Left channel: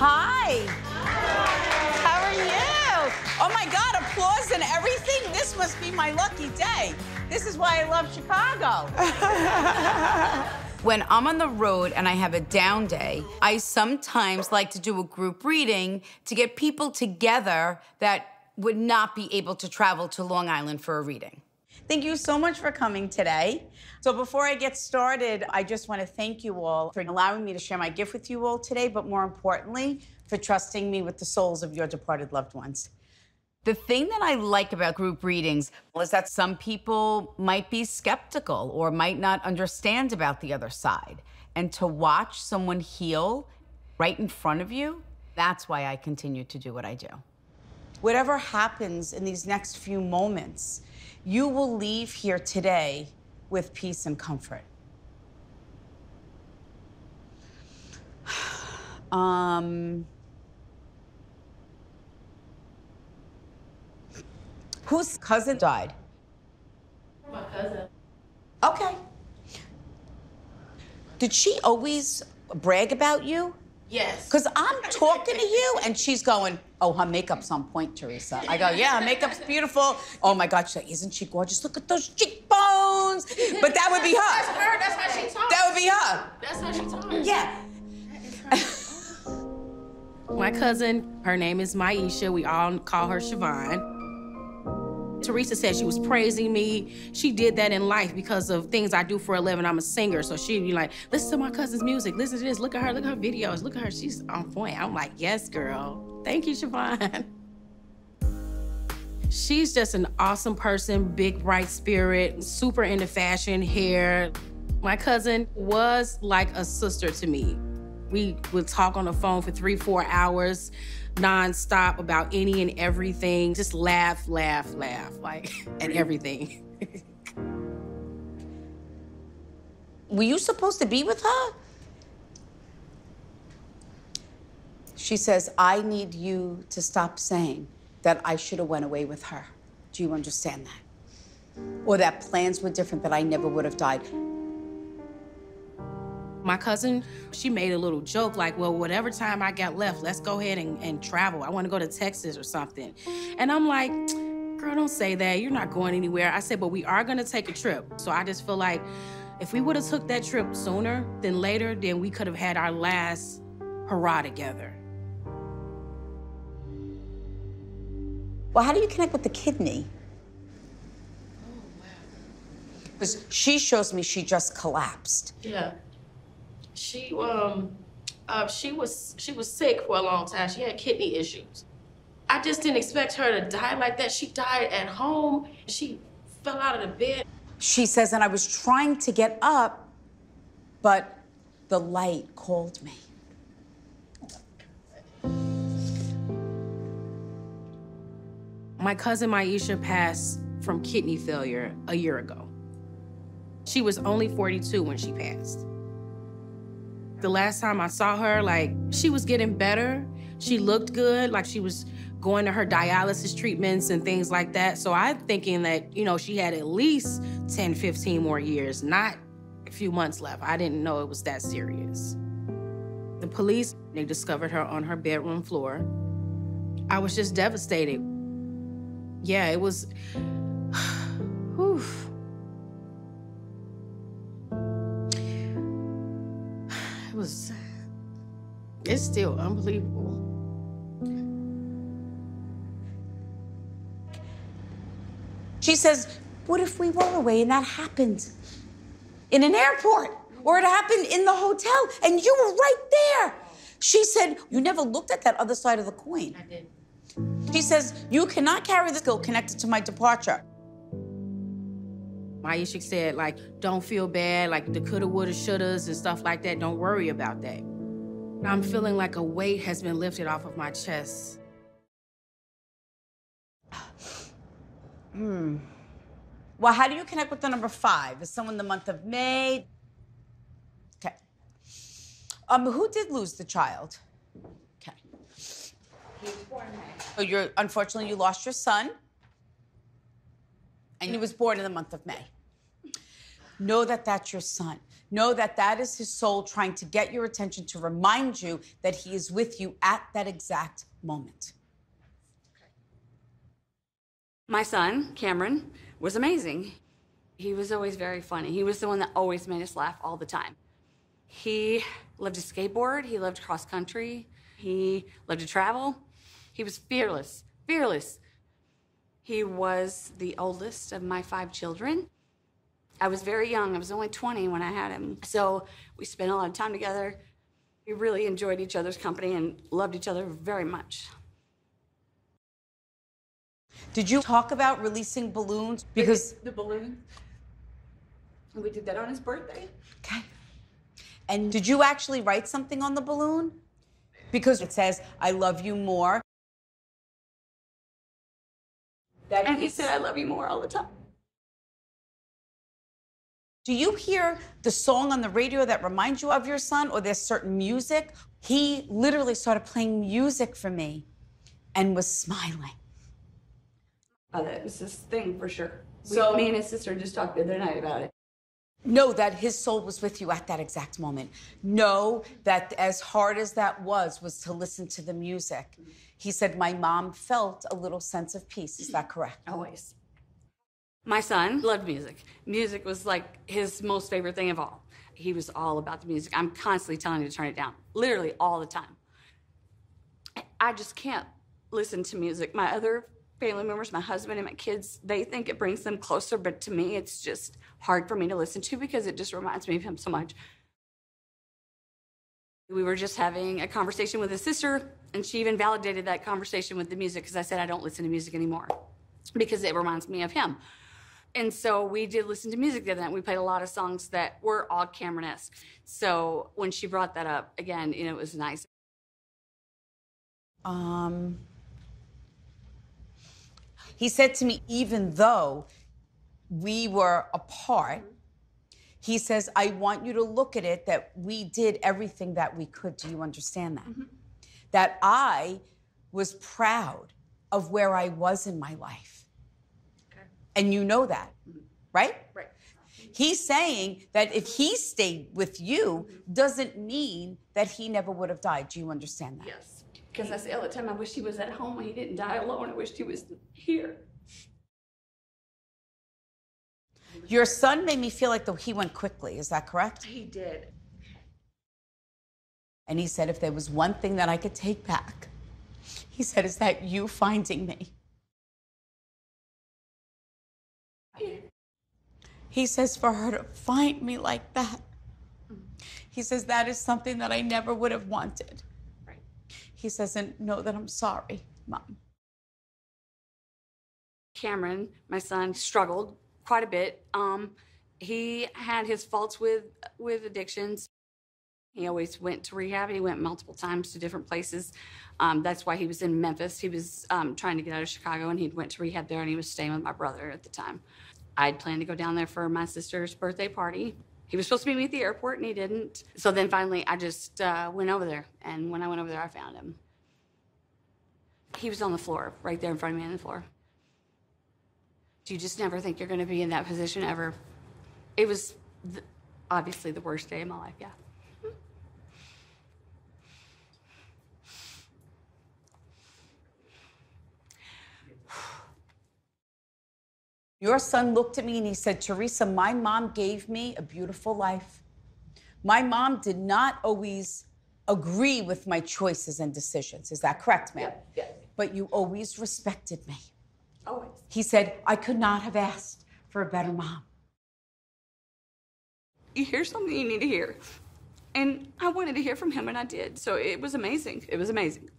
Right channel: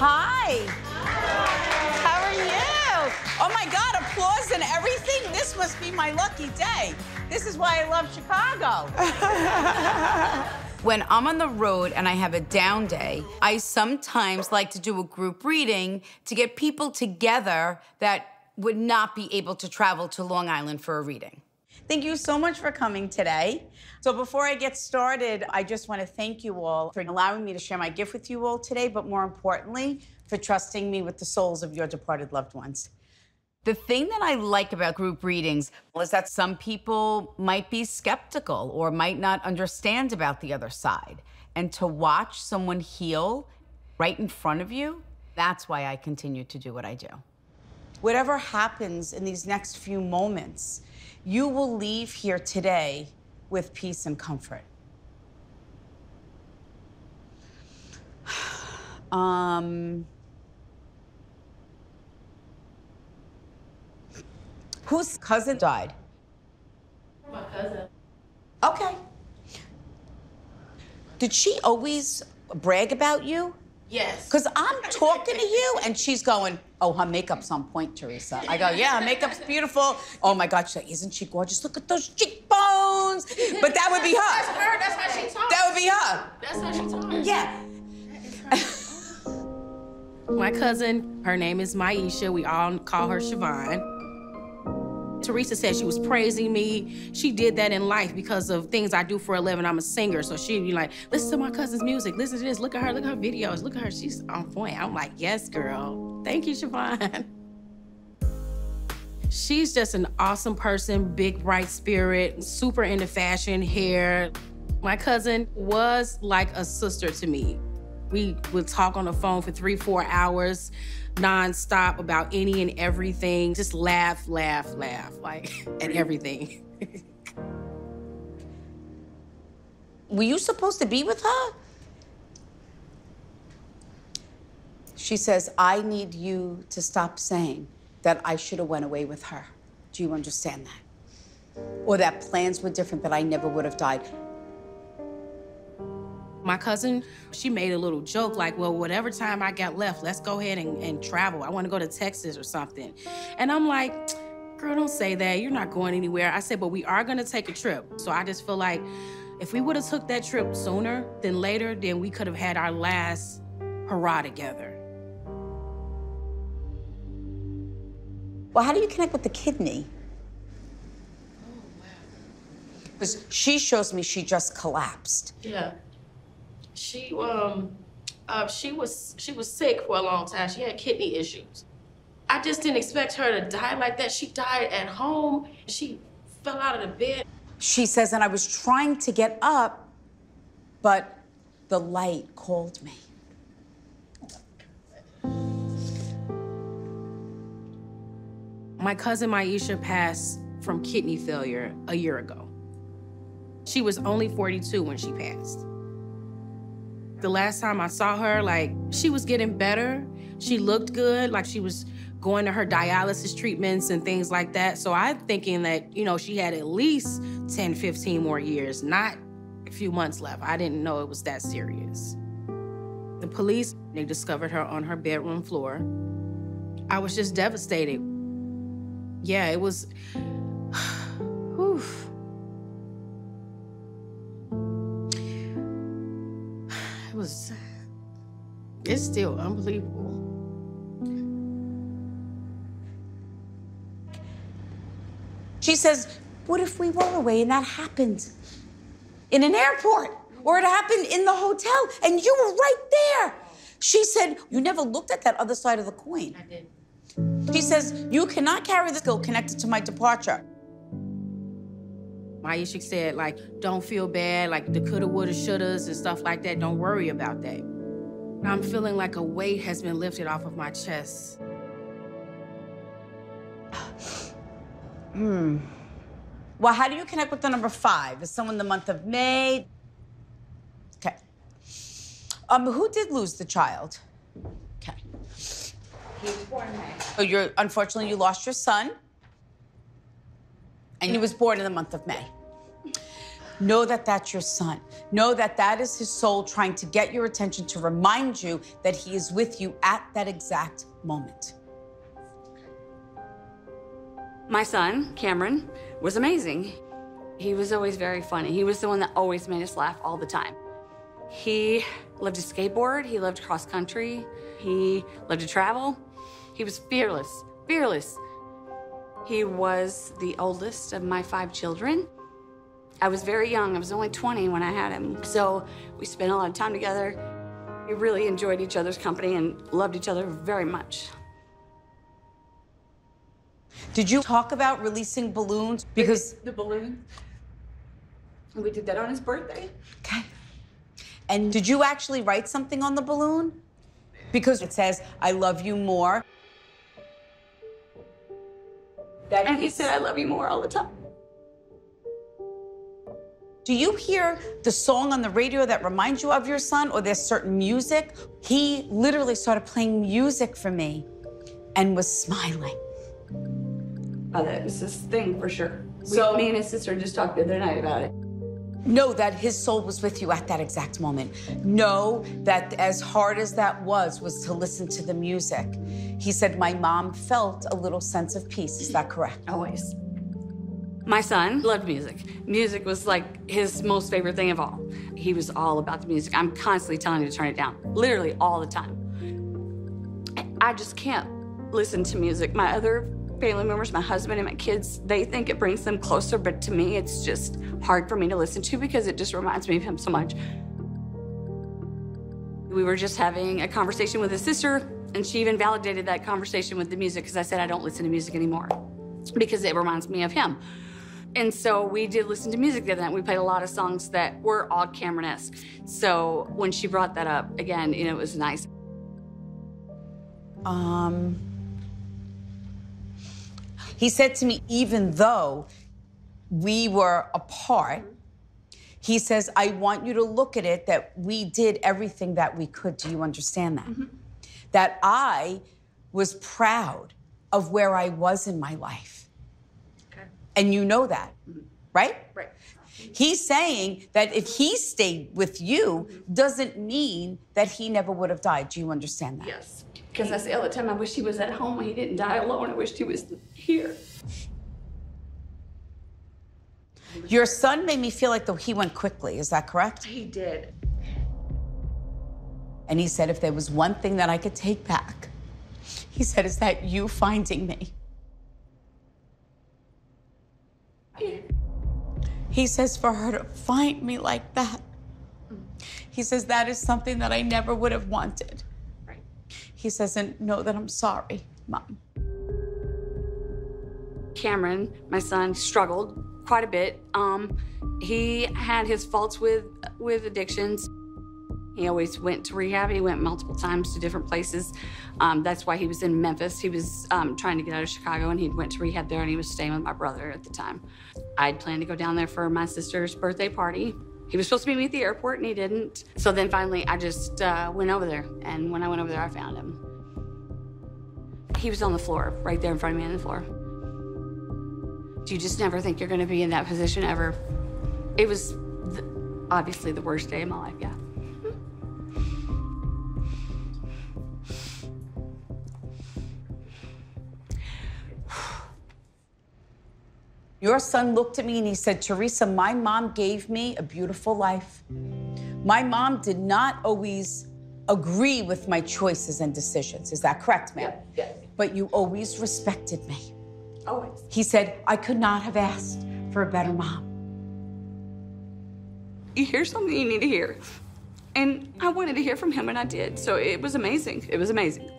Hi. How are you? Oh my God, applause and everything. This must be my lucky day. This is why I love Chicago. When I'm on the road and I have a down day, I sometimes like to do a group reading to get people together that would not be able to travel to Long Island for a reading. Thank you so much for coming today. So before I get started, I just want to thank you all for allowing me to share my gift with you all today, but more importantly, for trusting me with the souls of your departed loved ones. The thing that I like about group readings is that some people might be skeptical or might not understand about the other side. And to watch someone heal right in front of you, that's why I continue to do what I do. Whatever happens in these next few moments, you will leave here today with peace and comfort. Whose cousin died? My cousin. Okay. Did she always brag about you? Yes. Because I'm talking to you, and she's going, oh, her makeup's on point, Teresa. I go, yeah, her makeup's beautiful. Oh, my God, she's like, isn't she gorgeous? Look at those cheekbones. But that would be her. That's her. That's how she talks. That would be her. That's how she talks. Yeah. My cousin, her name is Maisha. We all call her Siobhan. Teresa said she was praising me. She did that in life because of things I do for a living. I'm a singer, so she'd be like, listen to my cousin's music, listen to this, look at her videos, look at her, she's on point. I'm like, yes, girl. Thank you, Siobhan. She's just an awesome person, big, bright spirit, super into fashion, hair. My cousin was like a sister to me. We would talk on the phone for 3-4 hours, nonstop about any and everything. Just laugh, laugh, laugh, like, at everything. Were you supposed to be with her? She says, I need you to stop saying that I should have went away with her. Do you understand that? Or that plans were different, that I never would have died. My cousin, she made a little joke like, well, whatever time I got left, let's go ahead and travel. I want to go to Texas or something. And I'm like, girl, don't say that. You're not going anywhere. I said, but we are going to take a trip. So I just feel like if we would have took that trip sooner than later, then we could have had our last hurrah together. Well, how do you connect with the kidney? Because she shows me she just collapsed. Yeah. She was sick for a long time. She had kidney issues. I just didn't expect her to die like that. She died at home. She fell out of the bed. She says, and I was trying to get up, but the light called me. My cousin Maisha passed from kidney failure a year ago. She was only 42 when she passed. The last time I saw her, like, she was getting better. She looked good, like she was going to her dialysis treatments and things like that. So I'm thinking that, you know, she had at least 10, 15 more years, not a few months left. I didn't know it was that serious. The police, they discovered her on her bedroom floor. I was just devastated. Yeah, it was, whew. It's still unbelievable. She says, what if we were away and that happened in an airport, or it happened in the hotel and you were right there? She said, you never looked at that other side of the coin. I did. She says, you cannot carry the guilt connected to my departure. Maisha said, like, don't feel bad, like the coulda, woulda, shouldas and stuff like that. Don't worry about that. I'm feeling like a weight has been lifted off of my chest. Well, how do you connect with the number 5? Is someone the month of May? Okay. Who did lose the child? Okay. He was born in May. So unfortunately, you lost your son. And he was born in the month of May. Know that that's your son. Know that that is his soul trying to get your attention to remind you that he is with you at that exact moment. My son, Cameron, was amazing. He was always very funny. He was the one that always made us laugh all the time. He loved to skateboard. He loved cross country. He loved to travel. He was fearless, fearless. He was the oldest of my 5 children. I was very young. I was only 20 when I had him. So we spent a lot of time together. We really enjoyed each other's company and loved each other very much. Did you talk about releasing balloons? Because the balloon, we did that on his birthday. Okay. And did you actually write something on the balloon? Because it says, I love you more. And he said, I love you more all the time. Do you hear the song on the radio that reminds you of your son, or there's certain music? He literally started playing music for me and was smiling. Oh, that was his thing for sure. So, me and his sister just talked the other night about it. Know that his soul was with you at that exact moment. Know that as hard as that was to listen to the music. He said, my mom felt a little sense of peace. Is that correct? Always. My son loved music. Music was like his most favorite thing of all. He was all about the music. I'm constantly telling him to turn it down, literally all the time. I just can't listen to music. My other family members, my husband and my kids, they think it brings them closer, but to me, it's just hard for me to listen to because it just reminds me of him so much. We were just having a conversation with his sister, and she even validated that conversation with the music because I said I don't listen to music anymore because it reminds me of him. And so we did listen to music the other night. We played a lot of songs that were all Cameron-esque. So when she brought that up, again, you know, it was nice. He said to me, even though we were apart, he says, I want you to look at it that we did everything that we could. Do you understand that? Mm-hmm. That I was proud of where I was in my life. Okay. And you know that, right? Right. He's saying that if he stayed with you, doesn't mean that he never would have died. Do you understand that? Yes. Because I say all the time, I wish he was at home. He didn't die alone. I wished he was here. Your son made me feel like he went quickly. Is that correct? He did. And he said, if there was one thing that I could take back, he said, is that you finding me. He says, for her to find me like that, he says, that is something that I never would have wanted. Right. He says, and know that I'm sorry, Mom. Cameron, my son, struggled quite a bit. He had his faults with addictions. He always went to rehab. He went multiple times to different places. That's why he was in Memphis. He was trying to get out of Chicago, and he went to rehab there, and he was staying with my brother at the time. I'd planned to go down there for my sister's birthday party. He was supposed to meet me at the airport, and he didn't. So then finally, I just went over there, and when I went over there, I found him. He was on the floor, right there in front of me on the floor. You just never think you're going to be in that position ever. It was obviously the worst day of my life, yeah. Your son looked at me and he said, Teresa, my mom gave me a beautiful life. My mom did not always agree with my choices and decisions. Is that correct, ma'am? Yeah. But you always respected me. Always. He said, I could not have asked for a better mom. You hear something you need to hear. And I wanted to hear from him, and I did. So it was amazing. It was amazing.